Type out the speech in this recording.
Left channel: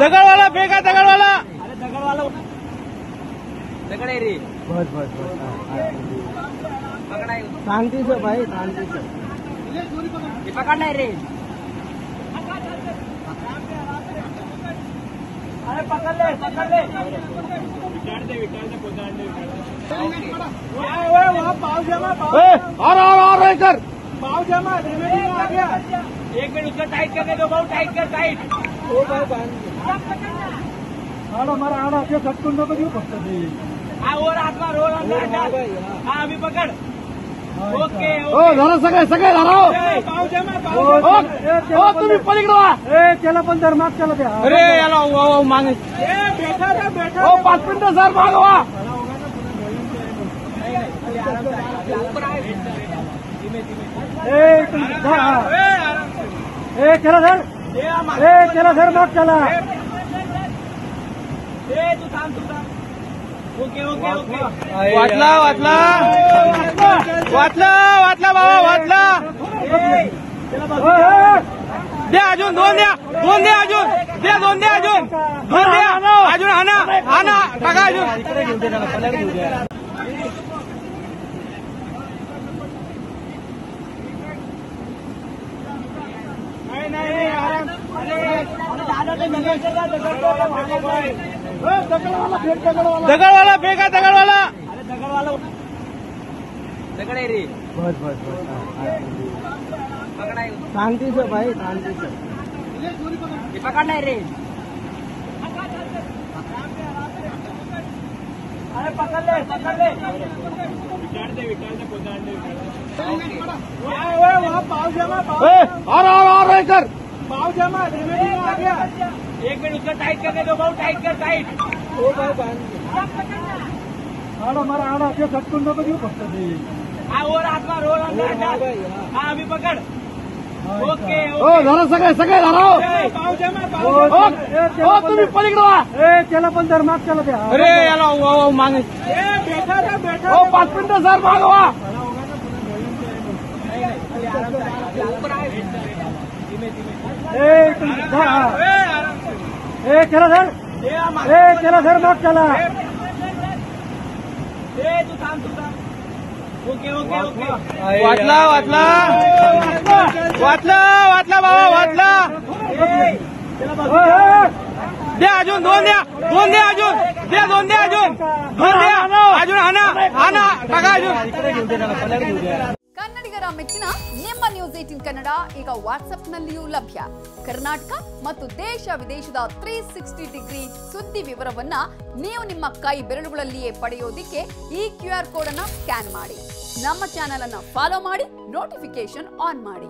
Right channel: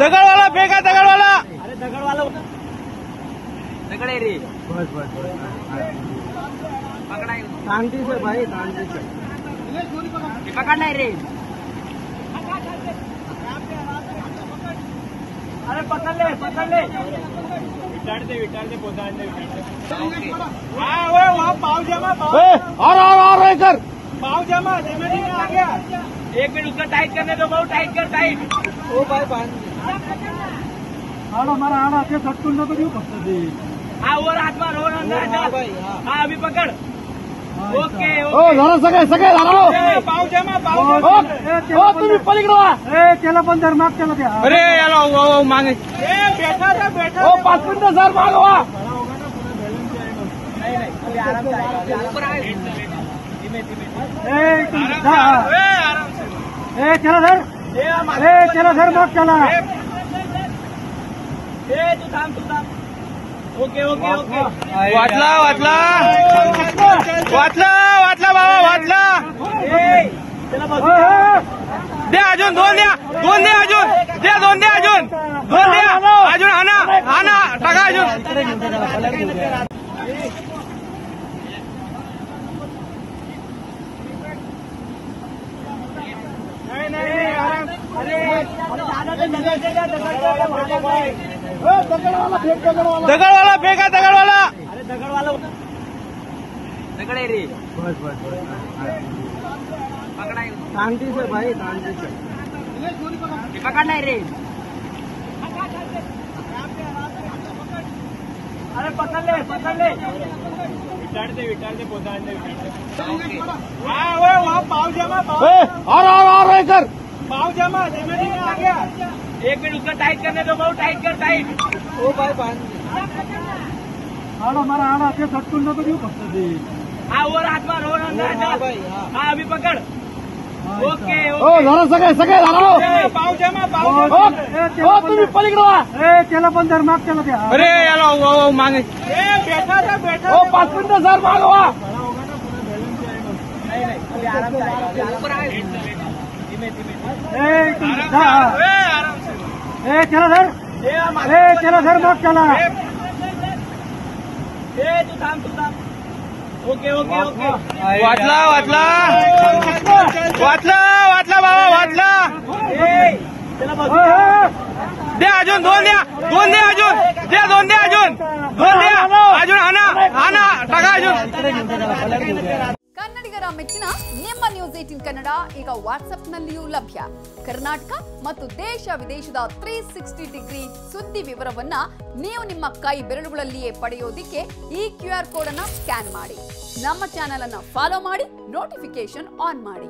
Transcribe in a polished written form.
दगड़वाला फेंका दगड़वाला शांति से भाई, शांति से पकड़ना है रे। पकड़ ले और इधर एक मिनट उसका टाइट करने दो, बहुत टाइट कर, टाइट। आड़ा के सबको तो क्यों करते? हाँ वो हाथ मार हो। हाँ अभी पकड़। ओके सगळे सगळे पाव जमा पाव तुम्ही पलीकडे त्याला पण जर माफ केलं द्या. अरे याला मागे बेटा 5 मिनिटं सर मागवा. चलो सर माफ केला. ओके वाटला बाबा वाटला. द्या अजून दोन द्या अजून हाना टाका अजून. दगड़वाला फेंका दगड़वाला शांति से भाई, शांति से पकड़ना है रे. पकड़ ले और इधर एक मिनट उसका टाइट करने दो, बहुत टाइट कर, टाइट. आड़ा के सबको तो क्यों करते? हाँ वो हाथ मार हो. हाँ अभी पकड़. ओके सगळे पाव जमा तुम्ही पलीकडे त्याला पण जर माफ केलं द्या. अरे याला मागे बेटा 5 मिनिटं सर मागवा. चलो सर माफ केला. ओके वाटला बाबा. द्या अजून दोन द्या अजून हाना टाका अजून. ಕನ್ನಡಿಗರ ಮೆಚ್ಚಿನ ನಿಮ್ಮ ನ್ಯೂಸ್ 18 ಕನ್ನಡ ಈಗ ವಾಟ್ಸ್ಆಪ್ನಲ್ಲಿಯೂ ಲಭ್ಯ. ಕರ್ನಾಟಕ ಮತ್ತು ದೇಶ ವಿದೇಶದ 360 ಡಿಗ್ರಿ ಸುದ್ದಿ ವಿವರವನ್ನ ನೀವು ನಿಮ್ಮ ಕೈ ಬೆರಳುಗಳಲ್ಲಿಯೇ ಪಡೆಯೋದಿಕ್ಕೆ ಈ QR ಕೋಡ್ ಅನ್ನು ಸ್ಕ್ಯಾನ್ ಮಾಡಿ. ನಮ್ಮ ಚಾನೆಲ್ ಅನ್ನು ಫಾಲೋ ಮಾಡಿ, ನೋಟಿಫಿಕೇಶನ್ ಆನ್ ಮಾಡಿ.